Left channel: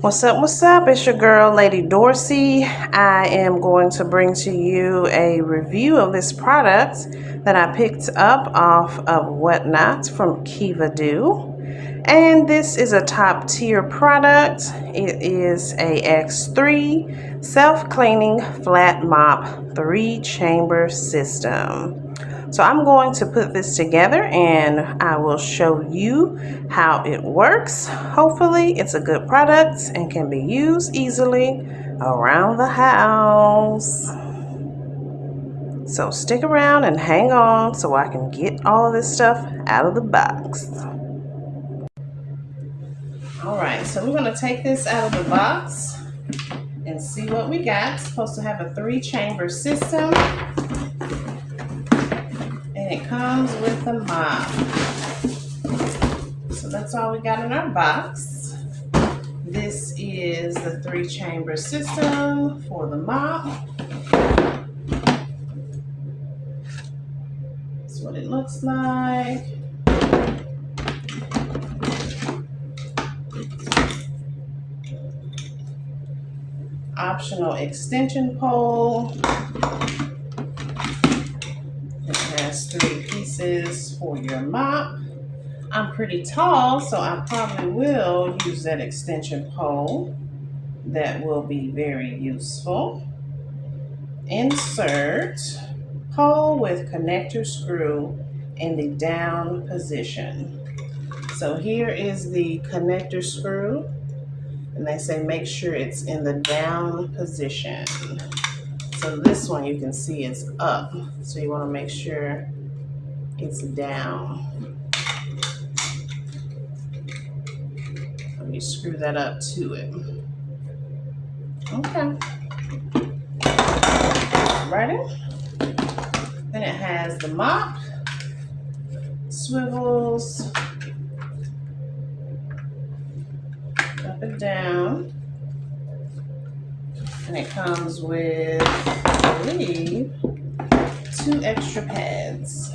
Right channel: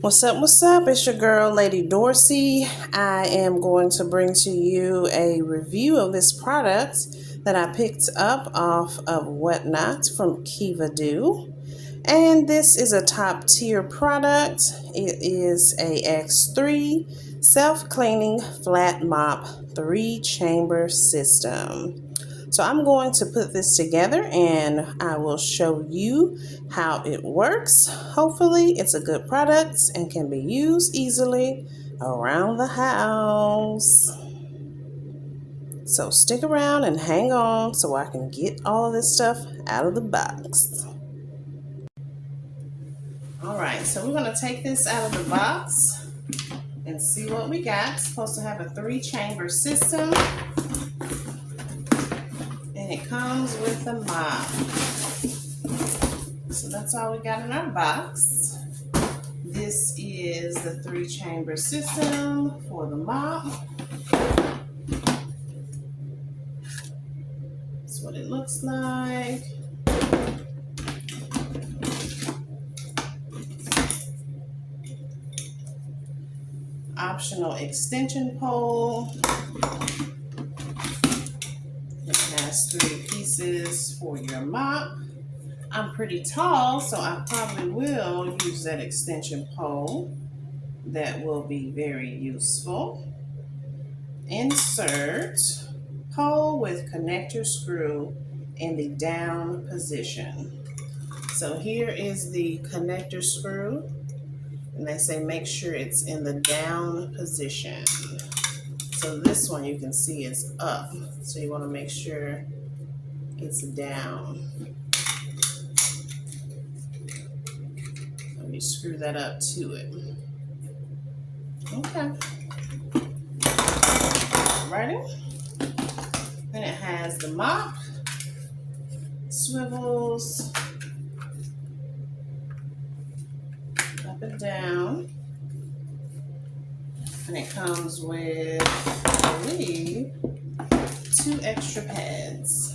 What's up? What's up? It's your girl, Lady Dorsey. I am going to bring to you a review of this product that I picked up off of Whatnot from Kiva Do. And this is a top tier product. It is a X3 self-cleaning flat mop 3-chamber system. So I'm going to put this together and I will show you how it works. Hopefully it's a good product and can be used easily around the house. So stick around and hang on so I can get all of this stuff out of the box. All right, so we're gonna take this out of the box and see what we got. It's supposed to have a 3-chamber system. And it comes with a mop. So that's all we got in our box. This is the 3-chamber system for the mop. That's what it looks like. Optional extension pole. It has 3 pieces for your mop. I'm pretty tall, so I probably will use that extension pole. That will be very useful. Insert pole with connector screw in the down position. So here is the connector screw, and they say make sure it's in the down position. So this one you can see is up, so you want to make sure it's down. You screw that up to it. Okay. Ready? Then it has the mop, swivels up and down, and it comes with, I believe, 2 extra pads.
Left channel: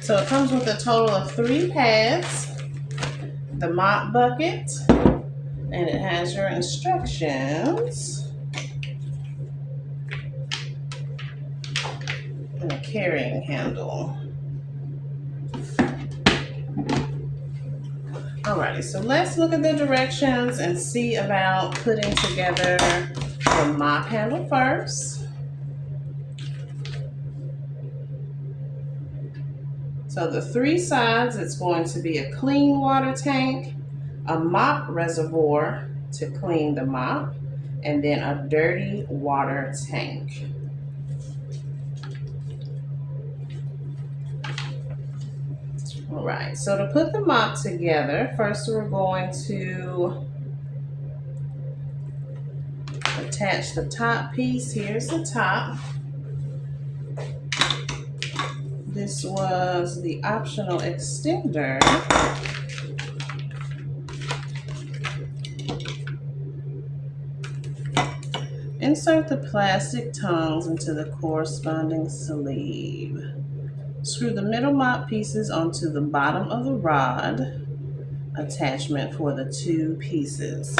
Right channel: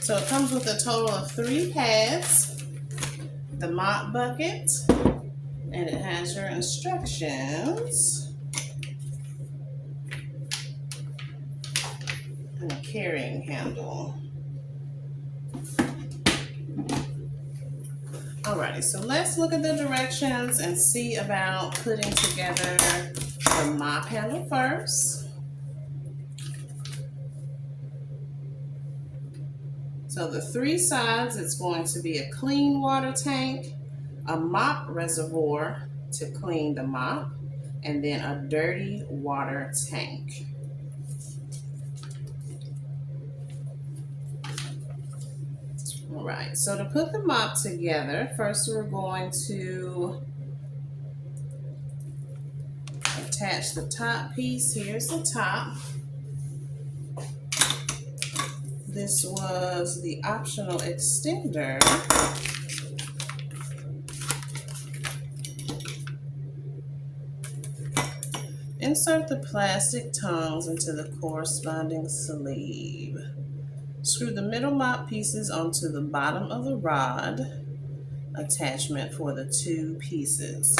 So it comes with a total of 3 pads, the mop bucket, and it has your instructions, and a carrying handle. Alrighty, so let's look at the directions and see about putting together the mop handle first. So the 3 sides, it's going to be a clean water tank, a mop reservoir to clean the mop, and then a dirty water tank. All right, so to put the mop together, first we're going to attach the top piece. Here's the top. This was the optional extender. Insert the plastic tongs into the corresponding sleeve. Screw the middle mop pieces onto the bottom of the rod attachment for the 2 pieces.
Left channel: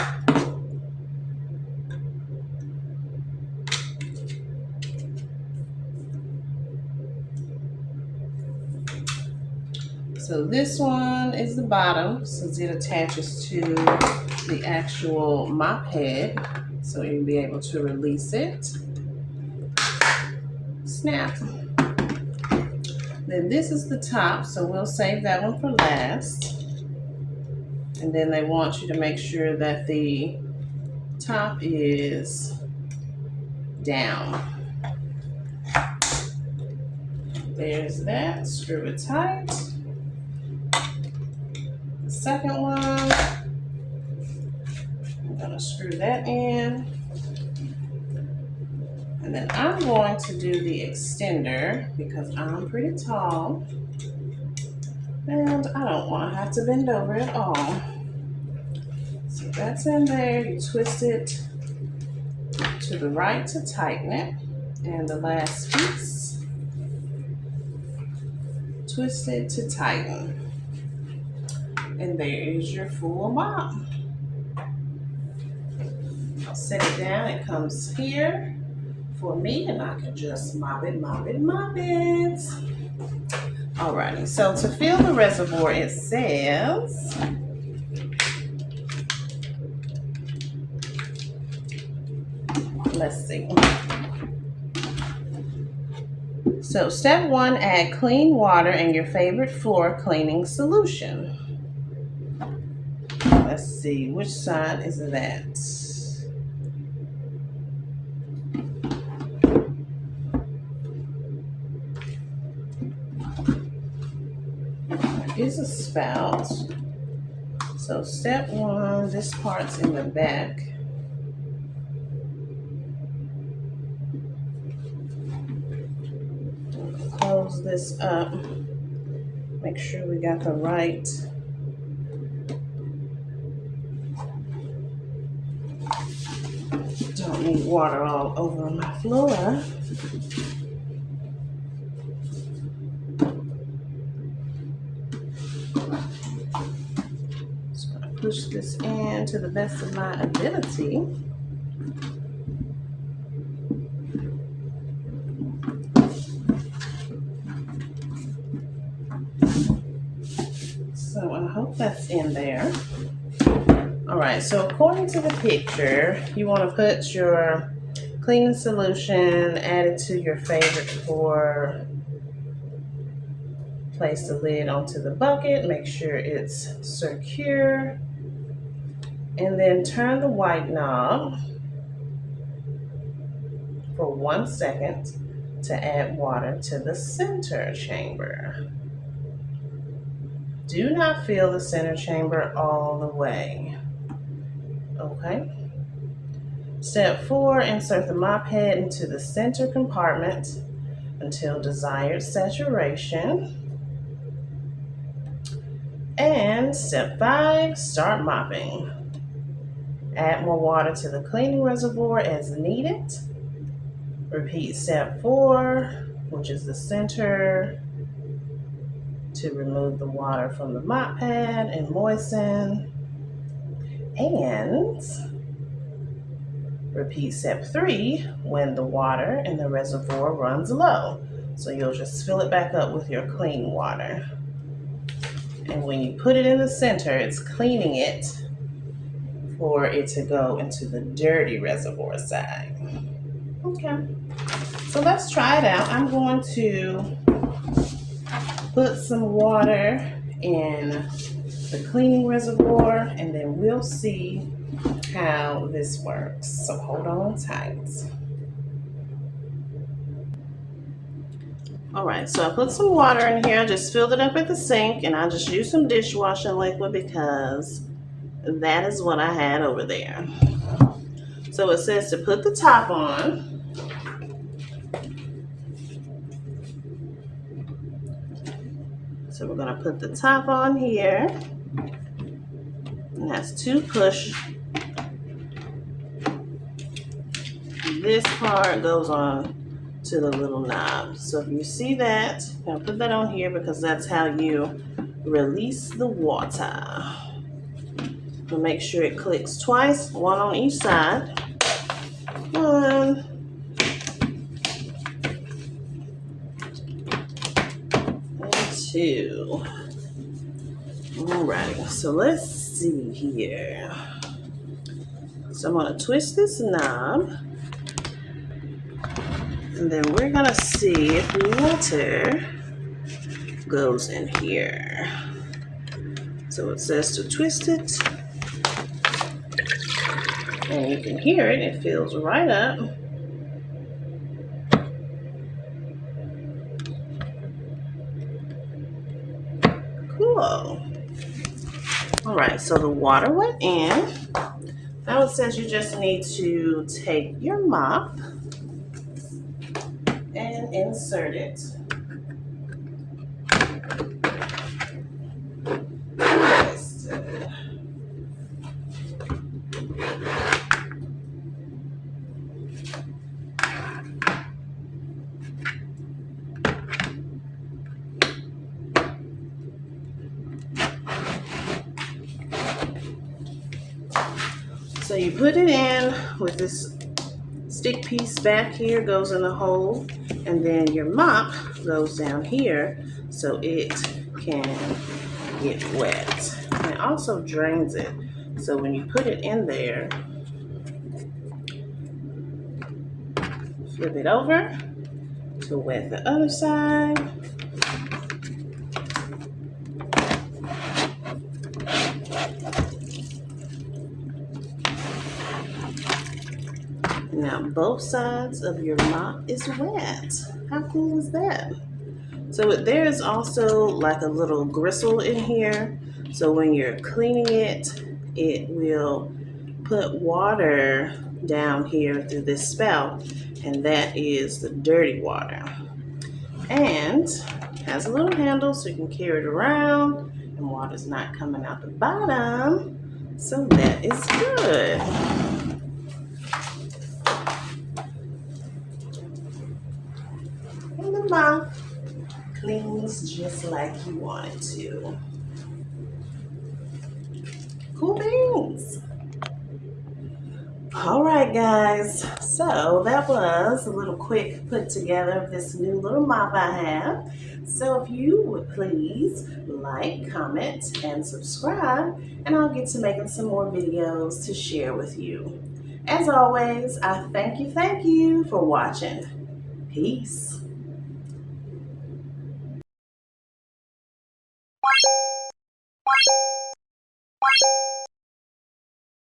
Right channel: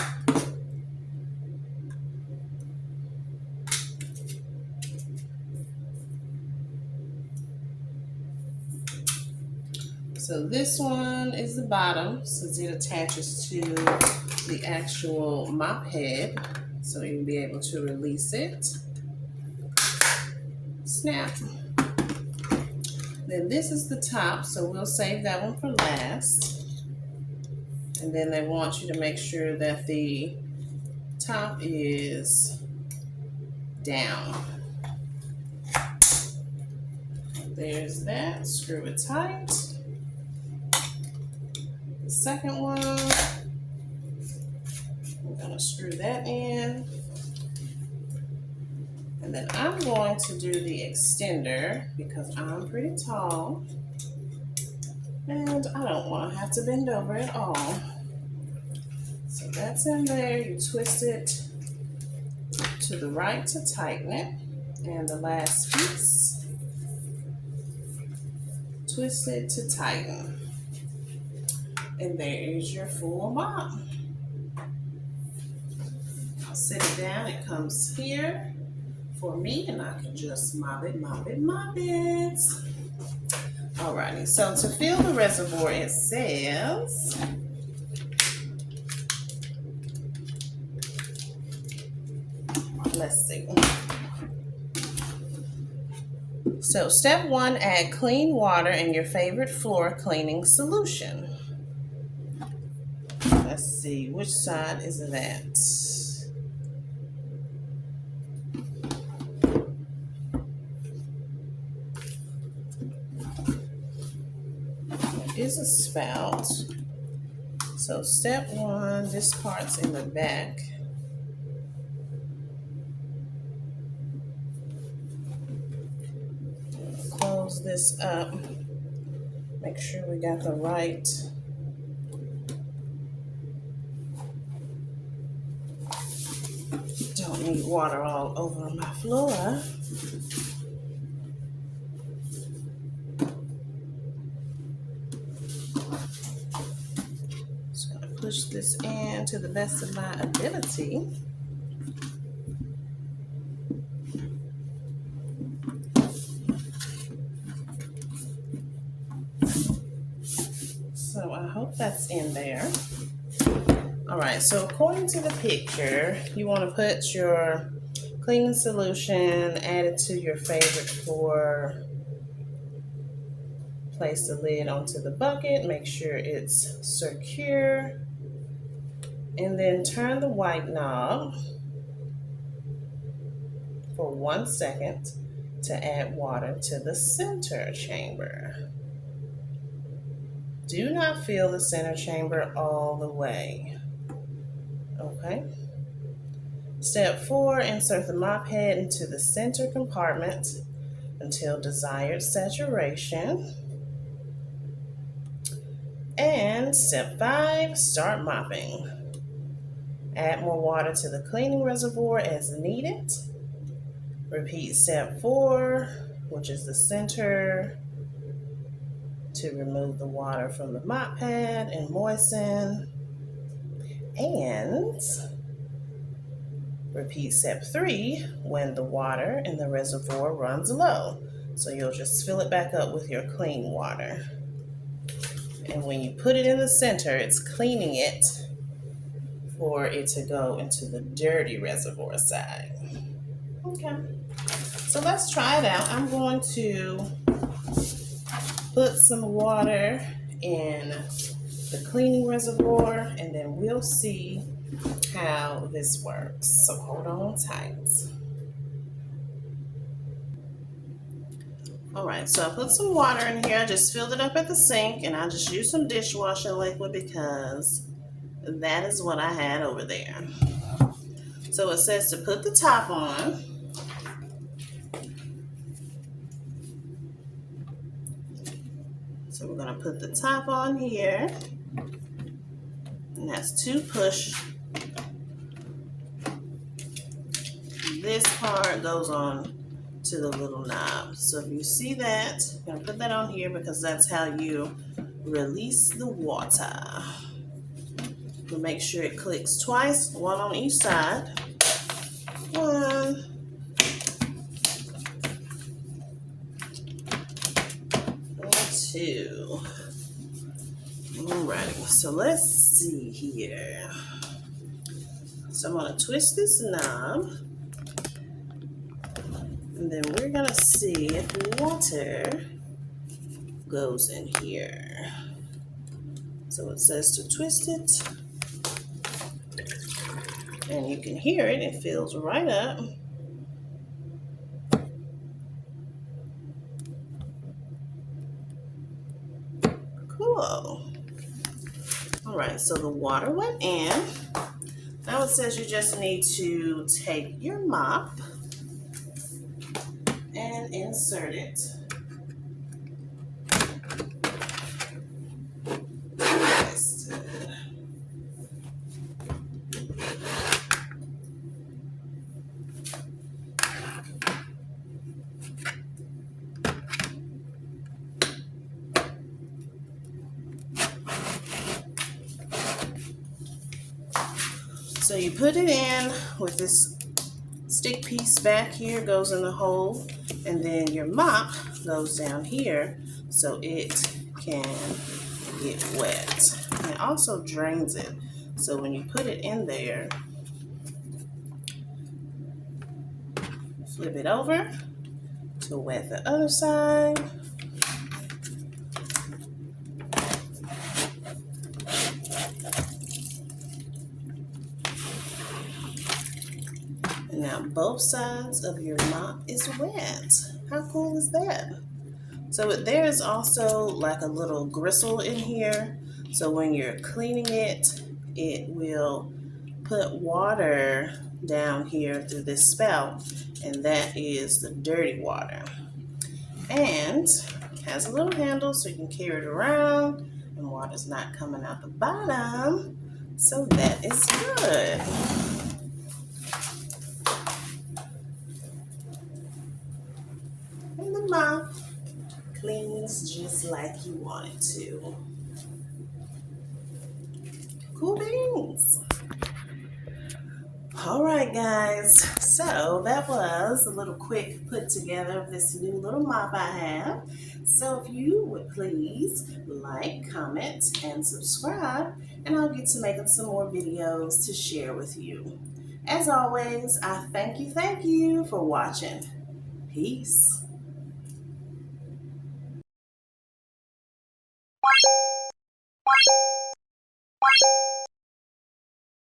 So this one is the bottom, since it attaches to the actual mop head, so you'll be able to release it. Snap. Then this is the top, so we'll save that one for last. And then they want you to make sure that the top is down. There's that. Screw it tight. The second one, I'm going to screw that in. And then I'm going to do the extender because I'm pretty tall and I don't want to have to bend over at all. So that's in there. You twist it to the right to tighten it. And the last piece twist it to tighten. And there is your full mop. I'll set it down. It comes here for me, and I can just mop it, mop it, mop it. Alrighty, so to fill the reservoir, it says let's see. So step 1, add clean water and your favorite floor cleaning solution. Let's see, which side is that? There is a spout. So step 1, this part's in the back. Close this up. Make sure we got the right don't need water all over my floor. Just gonna push this in to the best of my ability. So I hope that's in there. All right, so according to the picture, you want to put your cleaning solution, add it to your favorite floor, place the lid onto the bucket, make sure it's secure, and then turn the white knob for 1 second to add water to the center chamber. Do not fill the center chamber all the way. Okay. Step 4, insert the mop head into the center compartment until desired saturation. And step 5, start mopping. Add more water to the cleaning reservoir as needed. Repeat step 4, which is the center, to remove the water from the mop pad and moisten. And repeat step 3 when the water in the reservoir runs low. So you'll just fill it back up with your clean water. And when you put it in the center, it's cleaning it for it to go into the dirty reservoir side. Okay, so let's try it out. I'm going to put some water in the cleaning reservoir, and then we'll see how this works. So hold on tight. All right, so I put some water in here. I just filled it up at the sink, and I just used some dishwashing liquid because that is what I had over there. So it says to put the top on. So we're gonna put the top on here, and that's to push. This part goes on to the little knob. So if you see that, I'm gonna put that on here because that's how you release the water. We'll make sure it clicks twice, 1 on each side. 1. And 2. All right, so let's see here. So I'm gonna twist this knob, and then we're gonna see if water goes in here. So it says to twist it, and you can hear it, it fills right up. Cool. All right, so the water went in. Now it says you just need to take your mop and insert it. So you put it in with this stick piece back here, goes in the hole, and then your mop goes down here so it can get wet. And it also drains it. So when you put it in there, flip it over to wet the other side. Now both sides of your mop is wet. How cool is that? So there is also like a little gristle in here. So when you're cleaning it, it will put water down here through this spout, and that is the dirty water. And has a little handle so you can carry it around and water's not coming out the bottom. So that is good. And the mop cleans just like you want it to. Cool beans. All right, guys. So that was a little quick put together of this new little mop I have. So if you would please like, comment, and subscribe, and I'll get to making some more videos to share with you. As always, I thank you for watching. Peace.